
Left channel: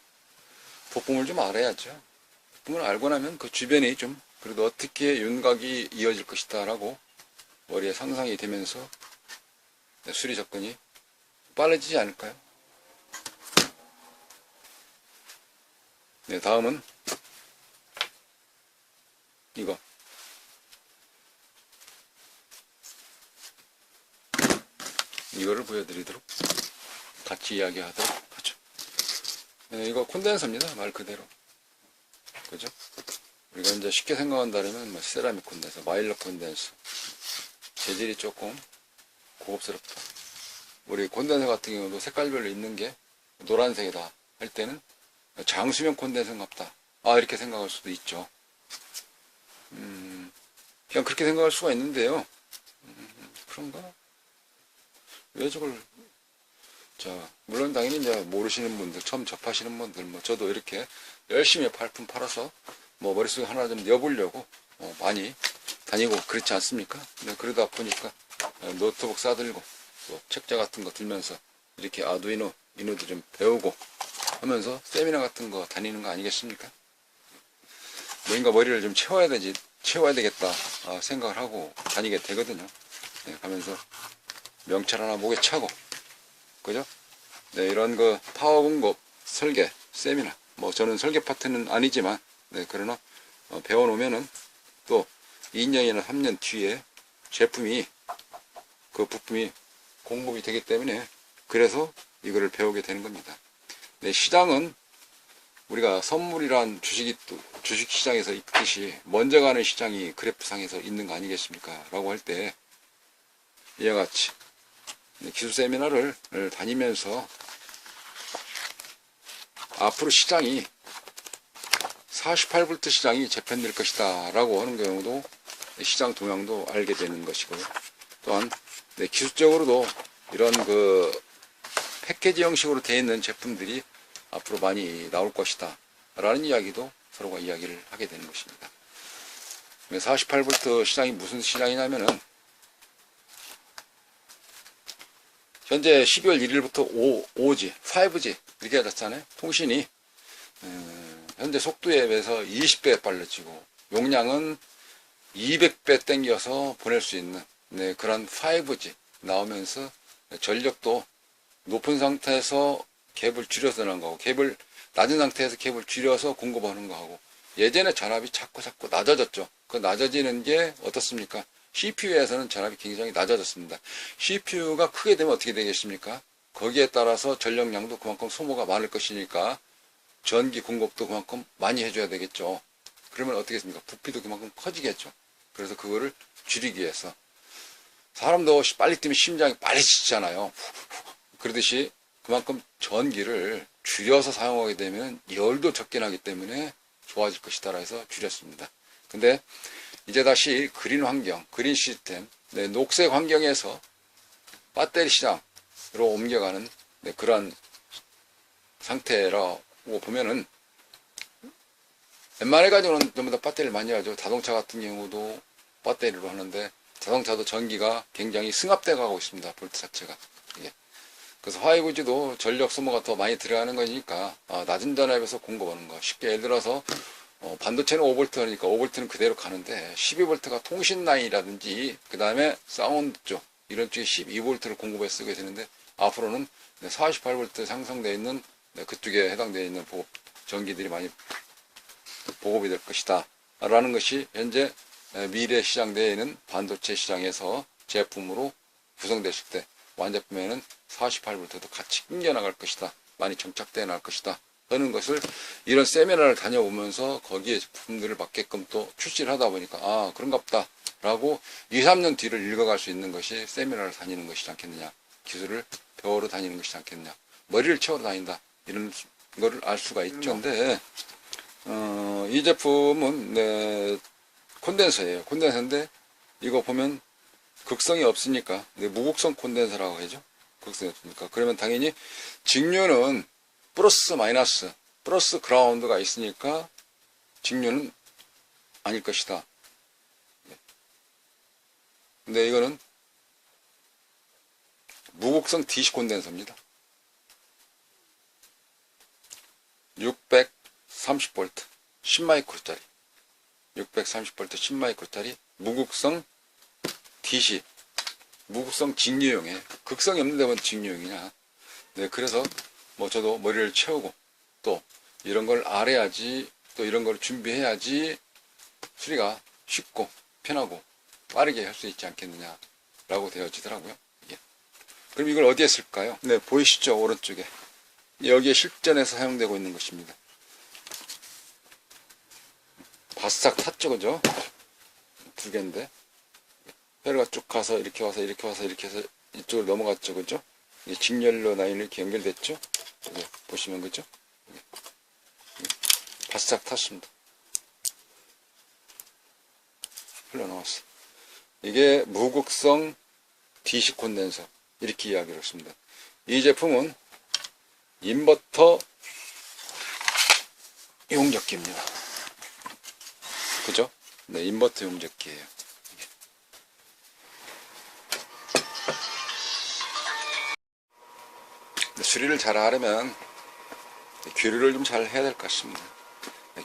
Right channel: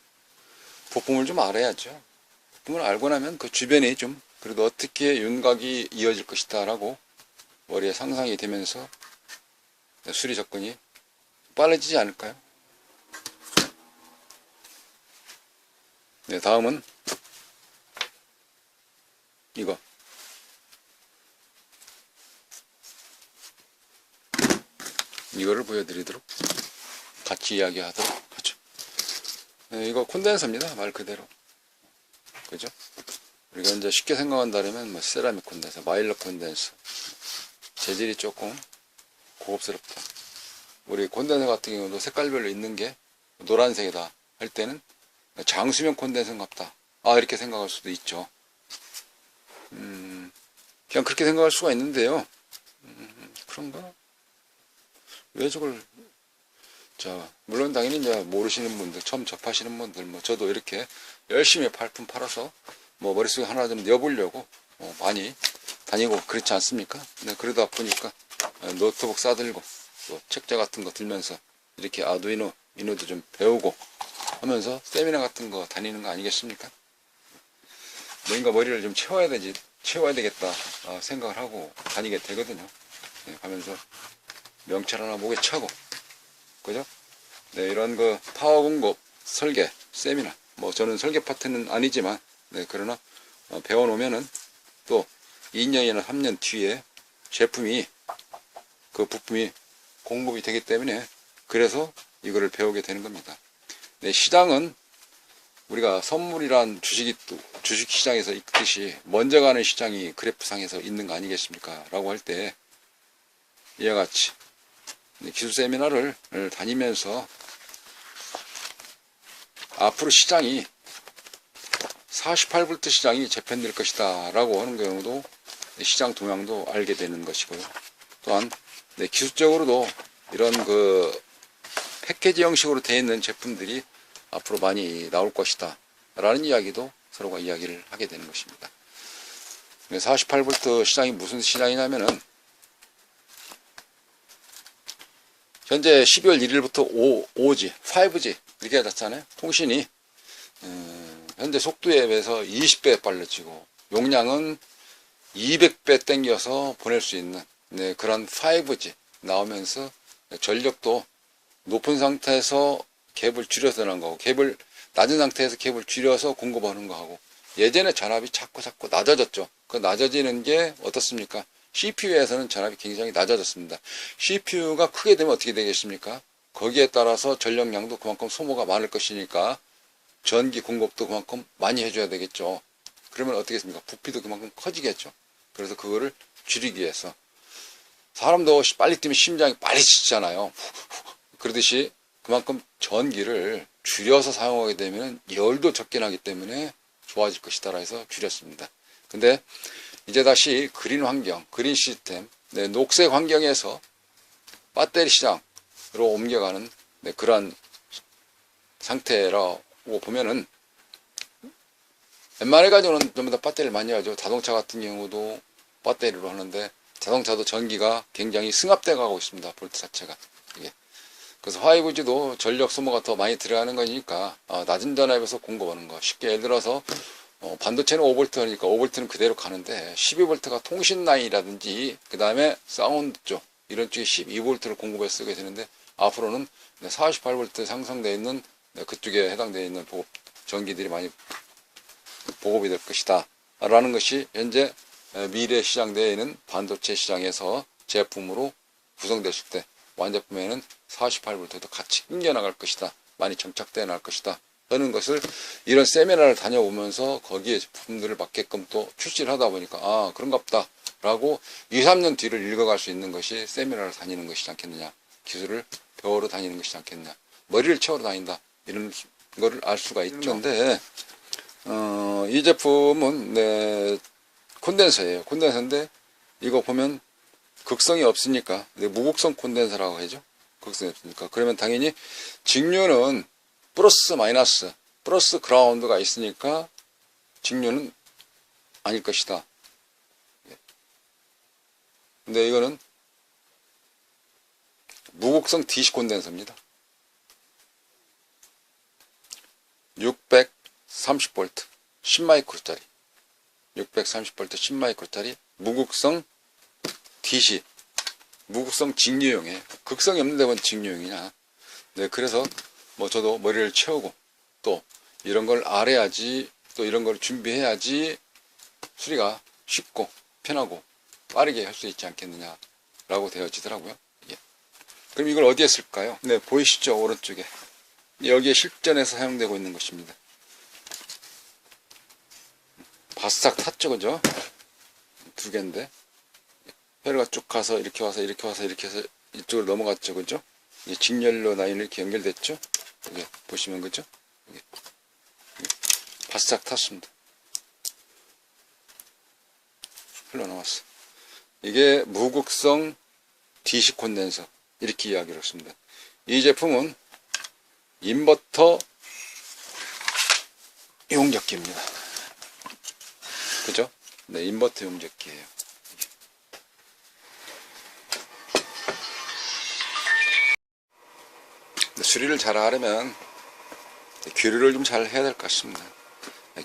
부품을 좀 알아야죠. 부품을 알고 나면 그 주변이 좀 그래도 어떻게 윤곽이 이어질 것이다 라고 머리에 상상이 되면서 수리 접근이 빨라지지 않을까요? 네, 다음은 이거 이거를 보여드리도록 같이 이야기하도록 하죠. 네, 이거 콘덴서입니다. 말 그대로. 그죠? 우리가 이제 쉽게 생각한다면 뭐 세라믹 콘덴서, 마일러 콘덴서. 재질이 조금 고급스럽다. 우리 콘덴서 같은 경우도 색깔별로 있는 게 노란색이다 할 때는 장수명 콘덴서 같다. 아, 이렇게 생각할 수도 있죠. 그냥 그렇게 생각할 수가 있는데요. 그런가? 왜 저걸, 자, 물론 당연히 이제 모르시는 분들, 처음 접하시는 분들, 뭐 저도 이렇게 열심히 발품 팔아서 뭐 머릿속에 하나 좀 넣어보려고 많이 다니고 그렇지 않습니까? 네, 그러다 보니까 노트북 싸들고 또 책자 같은 거 들면서 이렇게 아두이노도 좀 배우고 하면서 세미나 같은 거 다니는 거 아니겠습니까? 뭔가 머리를 좀 채워야 되겠다 생각을 하고 다니게 되거든요. 네, 가면서 명찰 하나 목에 차고, 그죠? 네, 이런 그 파워 공급 설계 세미나, 뭐 저는 설계 파트는 아니지만, 네, 그러나 배워놓으면은 또 2년이나 3년 뒤에 제품이, 그 부품이 공급이 되기 때문에 그래서 이거를 배우게 되는 겁니다. 네, 시장은 우리가 선물이란 주식시장에서 있듯이 먼저 가는 시장이 그래프상에서 있는 거 아니겠습니까? 라고 할 때 이와 같이 기술 세미나를 다니면서 앞으로 시장이 48V 시장이 재편될 것이다 라고 하는 경우도 시장 동향도 알게 되는 것이고요. 또한 기술적으로도 이런 그 패키지 형식으로 되어 있는 제품들이 앞으로 많이 나올 것이다 라는 이야기도 서로가 이야기를 하게 되는 것입니다. 48V 시장이 무슨 시장이냐면은 현재 12월 1일부터 5G 이렇게 됐잖아요. 통신이 현재 속도에 비해서 20배 빨라지고 용량은 200배 땡겨서 보낼 수 있는 그런 5G 나오면서 전력도 높은 상태에서 갭을 줄여서 넣은 거고 갭을 낮은 상태에서 갭을 줄여서 공급하는 거하고 예전에 전압이 자꾸 낮아졌죠. 그 낮아지는 게 어떻습니까? CPU에서는 전압이 굉장히 낮아졌습니다. CPU가 크게 되면 어떻게 되겠습니까? 거기에 따라서 전력량도 그만큼 소모가 많을 것이니까 전기 공급도 그만큼 많이 해줘야 되겠죠. 그러면 어떻게 됩니까? 부피도 그만큼 커지겠죠. 그래서 그거를 줄이기 위해서 사람도 빨리 뛰면 심장이 빨리 치잖아요. 그러듯이 그만큼 전기를 줄여서 사용하게 되면 열도 적게 나기 때문에 좋아질 것이다 해서 줄였습니다. 근데 이제 다시 그린 환경, 그린 시스템, 녹색 환경에서 배터리 시장으로 옮겨가는 그런 상태라고 보면은 웬만해 가지고는 전부 다 배터리를 많이 하죠. 자동차 같은 경우도 배터리로 하는데 자동차도 전기가 굉장히 승합돼 가고 있습니다. 볼트 자체가. 그래서 5G도 전력 소모가 더 많이 들어가는 거니까 낮은 전압에서 공급하는 거. 쉽게 예를 들어서 반도체는 5V니까 5V는 그대로 가는데 12V가 통신 라인이라든지 그 다음에 사운드 쪽 이런 쪽에 12V를 공급해 쓰게 되는데 앞으로는 48V 상승되어 있는 그쪽에 해당되어 있는 전기들이 많이 보급이 될 것이다 라는 것이 현재 미래 시장되어 있는 반도체 시장에서 제품으로 구성됐을 때 완제품에는 48V도 같이 끊겨나갈 것이다. 많이 정착되어 나갈 것이다. 하는 것을 이런 세미나를 다녀오면서 거기에 제품들을 맞게끔 또 출시를 하다 보니까 그런갑다 라고 2, 3년 뒤를 읽어갈 수 있는 것이 세미나를 다니는 것이지 않겠느냐. 기술을 배우러 다니는 것이지 않겠느냐. 머리를 채우러 다닌다. 이런 거를 알 수가 있죠. 근데 이 제품은 콘덴서예요. 콘덴서인데 이거 보면 극성이 없으니까 무극성 콘덴서라고 하죠. 극성이 없으니까. 그러면 당연히 직류는 플러스 그라운드가 있으니까 직류는 아닐 것이다. 근데 이거는 무극성 DC 콘덴서입니다. 630V 10마이크로짜리 630V 10마이크로짜리 무극성 DC 무극성 직류용에 극성이 없는 데만 직류용이냐. 그래서 저도 머리를 채우고 또 이런 걸 알아야지 또 이런 걸 준비해야지 수리가 쉽고 편하고 빠르게 할 수 있지 않겠느냐 라고 되어지더라고요. 그럼 이걸 어디에 쓸까요? 보이시죠? 오른쪽에 여기에 실전에서 사용되고 있는 것입니다. 바싹 탔죠, 그죠? 두 개인데 혈류가 쭉 가서 이렇게 와서 이렇게 와서 이렇게 해서 이쪽으로 넘어갔죠, 그죠? 이게 직렬로 라인이 이렇게 연결됐죠? 이게 보시면 그죠? 이게 바싹 탔습니다. 흘러나왔어. 이게 무극성 DC 콘덴서 이렇게 이야기를 했습니다. 이 제품은 인버터 용접기입니다. 그죠? 인버터 용접기예요. 수리를 잘 하려면 교류를 좀 잘 해야 될 것 같습니다.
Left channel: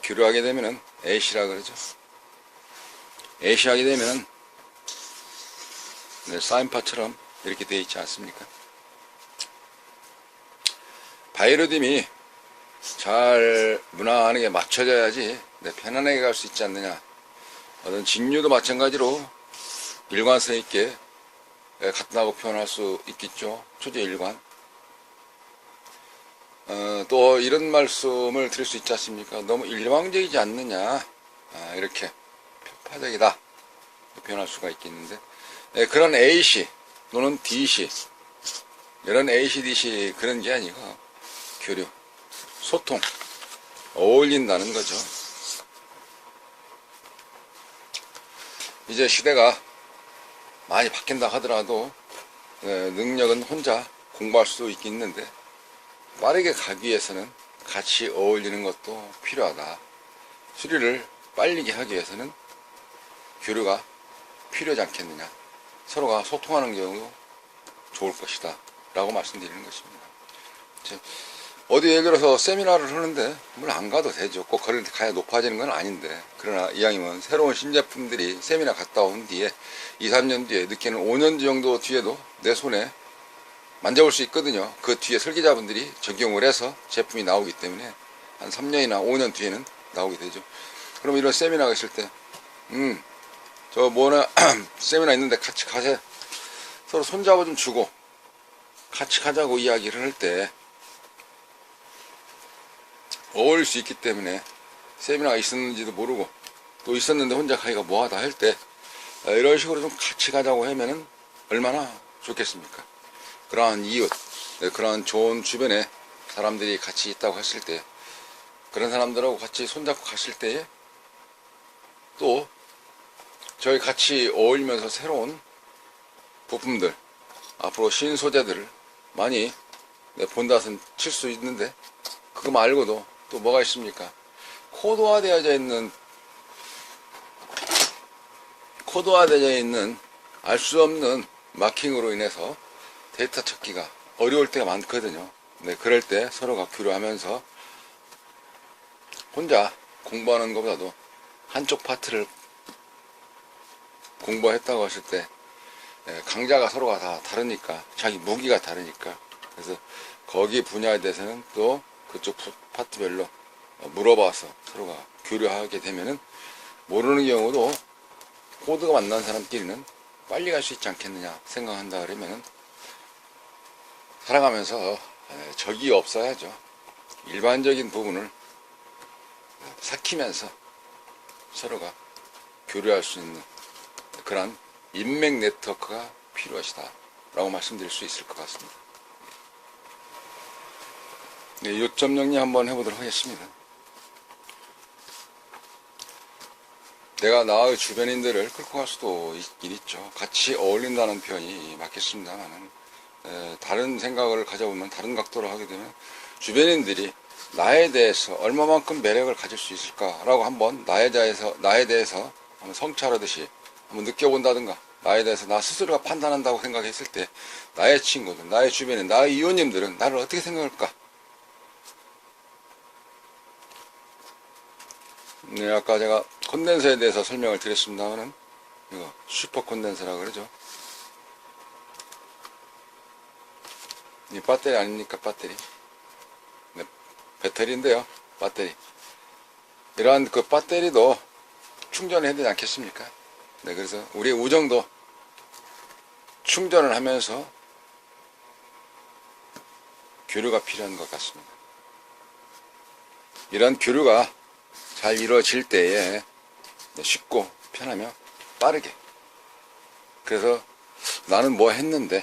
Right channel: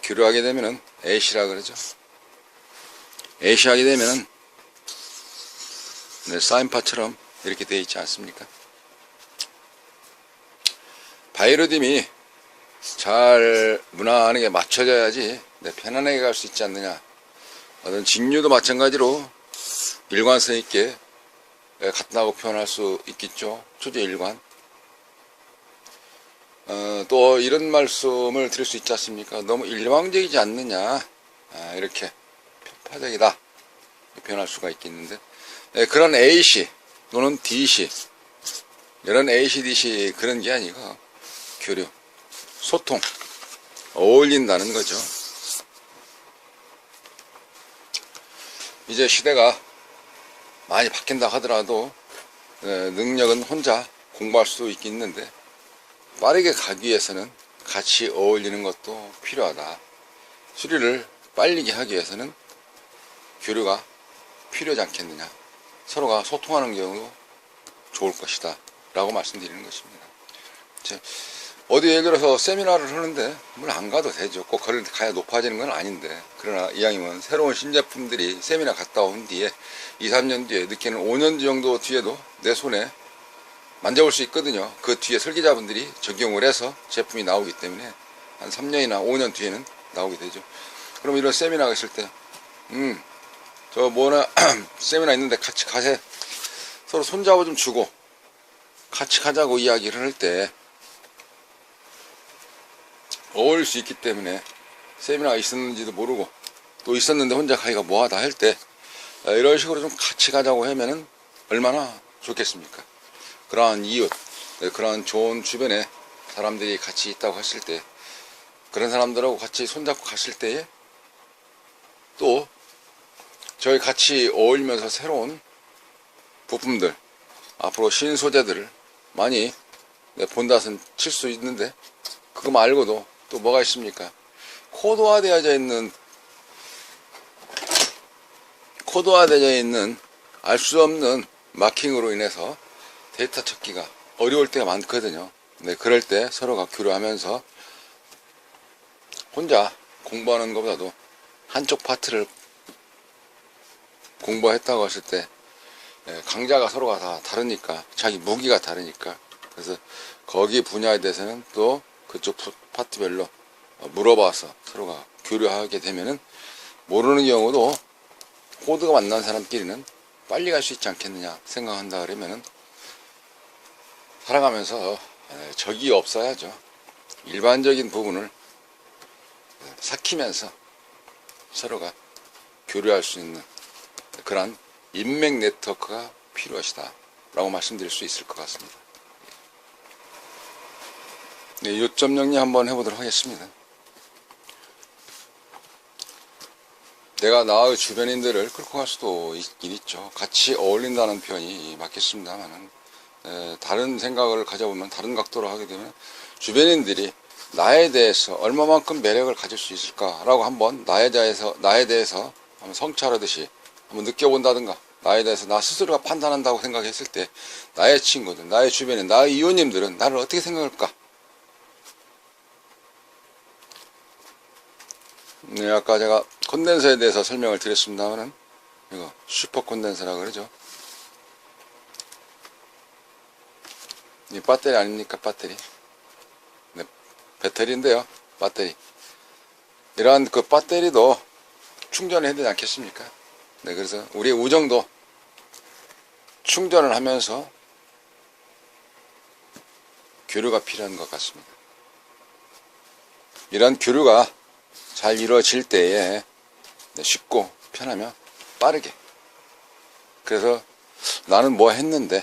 교류하게 되면은 AC라 그러죠. AC 하게 되면은 사인파처럼 이렇게 되어 있지 않습니까? 바이로딤이 잘 무난하게 맞춰져야지 편안하게 갈 수 있지 않느냐. 어떤 직류도 마찬가지로 일관성 있게 같다고 표현할 수 있겠죠. 초제 일관. 또 이런 말씀을 드릴 수 있지 않습니까? 너무 일방적이지 않느냐. 이렇게 파적이다 표현할 수가 있겠는데 그런 AC 또는 DC 이런 AC, DC 그런 게 아니고 교류, 소통, 어울린다는 거죠. 이제 시대가 많이 바뀐다 하더라도 능력은 혼자 공부할 수 있겠는데 빠르게 가기 위해서는 같이 어울리는 것도 필요하다. 수리를 빨리 하기 위해서는 교류가 필요하지 않겠느냐. 서로가 소통하는 경우도 좋을 것이다 라고 말씀드리는 것입니다. 어디 예를 들어서 세미나를 하는데 물 안 가도 되죠. 꼭 거를 가야 높아지는 건 아닌데, 그러나 이왕이면 새로운 신제품들이 세미나 갔다 온 뒤에 2, 3년 뒤에, 늦게는 5년 정도 뒤에도 내 손에 만져볼 수 있거든요. 그 뒤에 설계자분들이 적용을 해서 제품이 나오기 때문에 한 3년이나 5년 뒤에는 나오게 되죠. 그럼 이런 세미나가 있을 때 저 뭐나 세미나 있는데 같이 가세요. 서로 손잡아 좀 주고 같이 가자고 이야기를 할 때 어울릴 수 있기 때문에, 세미나가 있었는지도 모르고 또 있었는데 혼자 가기가 뭐하다 할 때 이런 식으로 좀 같이 가자고 하면은 얼마나 좋겠습니까? 그러한 이웃, 그러한 좋은 주변에 사람들이 같이 있다고 했을 때, 그런 사람들하고 같이 손잡고 갔을 때에 또 저희 같이 어울리면서 새로운 부품들, 앞으로 신소재들을 많이 본다선 칠 수 있는데, 그거 말고도 또 뭐가 있습니까? 코드화되어져 있는 알 수 없는 마킹으로 인해서 데이터 찾기가 어려울 때가 많거든요. 네, 그럴 때 서로가 교류하면서 혼자 공부하는 것보다도 한쪽 파트를 공부했다고 했을 때 강좌가 서로가 다 다르니까, 자기 무기가 다르니까, 그래서 거기 분야에 대해서는 또 그쪽 파트별로 물어봐서 서로가 교류하게 되면은 모르는 경우도 코드가 만난 사람끼리는 빨리 갈 수 있지 않겠느냐 생각한다 그러면은, 살아가면서 적이 없어야죠. 일반적인 부분을 삭히면서 서로가 교류할 수 있는 그런 인맥 네트워크가 필요하시다 라고 말씀드릴 수 있을 것 같습니다. 네, 요점 정리 한번 해보도록 하겠습니다. 내가 나의 주변인들을 끌고 갈 수도 있긴 있죠. 같이 어울린다는 표현이 맞겠습니다만은, 다른 생각을 가져보면, 다른 각도로 하게 되면 주변인들이 나에 대해서 얼마만큼 매력을 가질 수 있을까라고 한번 나에 대해서 한번 성찰하듯이 한번 느껴본다든가, 나에 대해서 나 스스로가 판단한다고 생각했을 때 나의 친구들, 나의 주변에 나의 이웃님들은 나를 어떻게 생각할까? 네, 아까 제가 콘덴서에 대해서 설명을 드렸습니다만은, 이거 슈퍼 콘덴서라고 그러죠. 이 배터리 아닙니까? 배터리. 네, 배터리인데요. 배터리. 이러한 그 배터리도 충전을 해야 되지 않겠습니까? 네, 그래서 우리의 우정도 충전을 하면서 교류가 필요한 것 같습니다. 이런 교류가 잘 이루어질 때에 쉽고 편하며 빠르게, 그래서 나는 뭐 했는데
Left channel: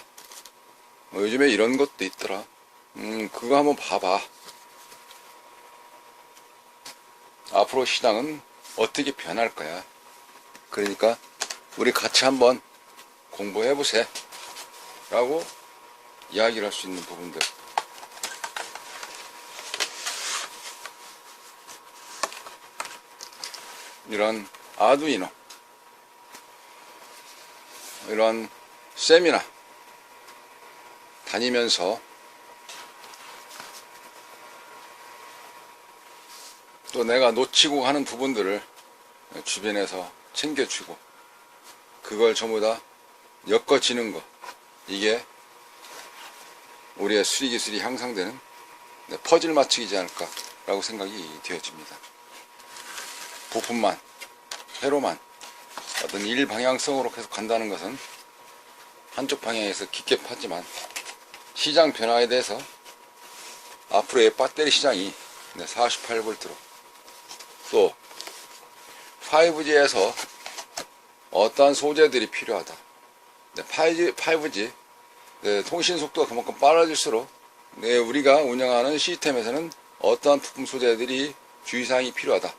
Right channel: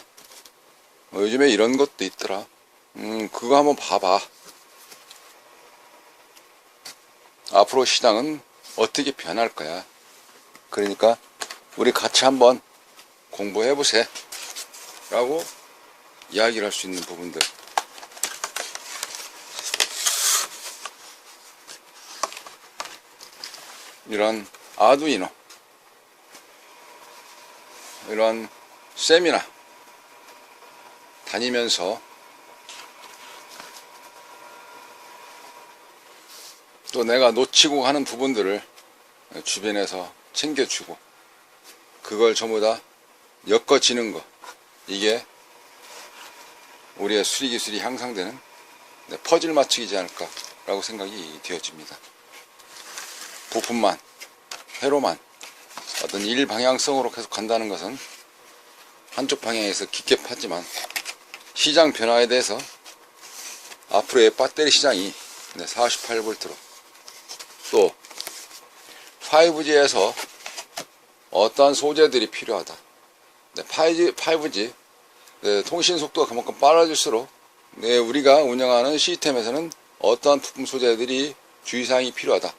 요즘에 이런 것도 있더라, 그거 한번 봐봐, 앞으로 시장은 어떻게 변할 거야, 그러니까 우리 같이 한번 공부해보세요 라고 이야기를 할 수 있는 부분들, 이런 아두이노, 이런 세미나 다니면서 또 내가 놓치고 하는 부분들을 주변에서 챙겨주고, 그걸 전부 다 엮어지는 거, 이게 우리의 수리기술이 향상되는 퍼즐 맞추기지 않을까 라고 생각이 되어집니다. 부품만, 회로만 어떤 일 방향성으로 계속 간다는 것은 한쪽 방향에서 깊게 파지만, 시장 변화에 대해서 앞으로의 배터리 시장이 48V로, 또 5G에서 어떠한 소재들이 필요하다, 5G 통신 속도가 그만큼 빨라질수록 우리가 운영하는 시스템에서는 어떠한 부품 소재들이 주의사항이 필요하다,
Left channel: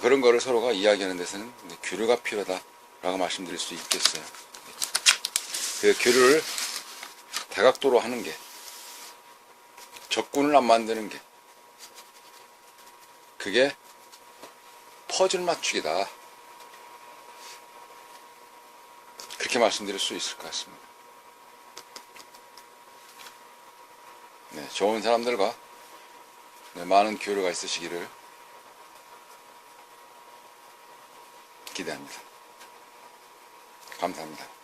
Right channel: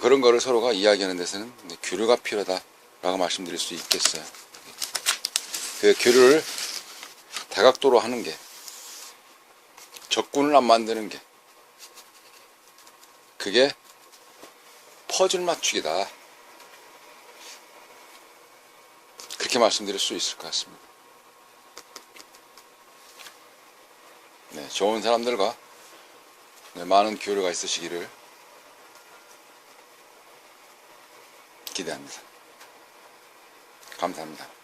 그런 거를 서로가 이야기하는 데서는 교류가 필요하다 라고 말씀드릴 수 있겠어요. 그 교류를 다각도로 하는 게, 적군을 안 만드는 게, 그게 퍼즐 맞추기다, 그렇게 말씀드릴 수 있을 것 같습니다. 네, 좋은 사람들과 네, 많은 교류가 있으시기를 기대합니다. 감사합니다.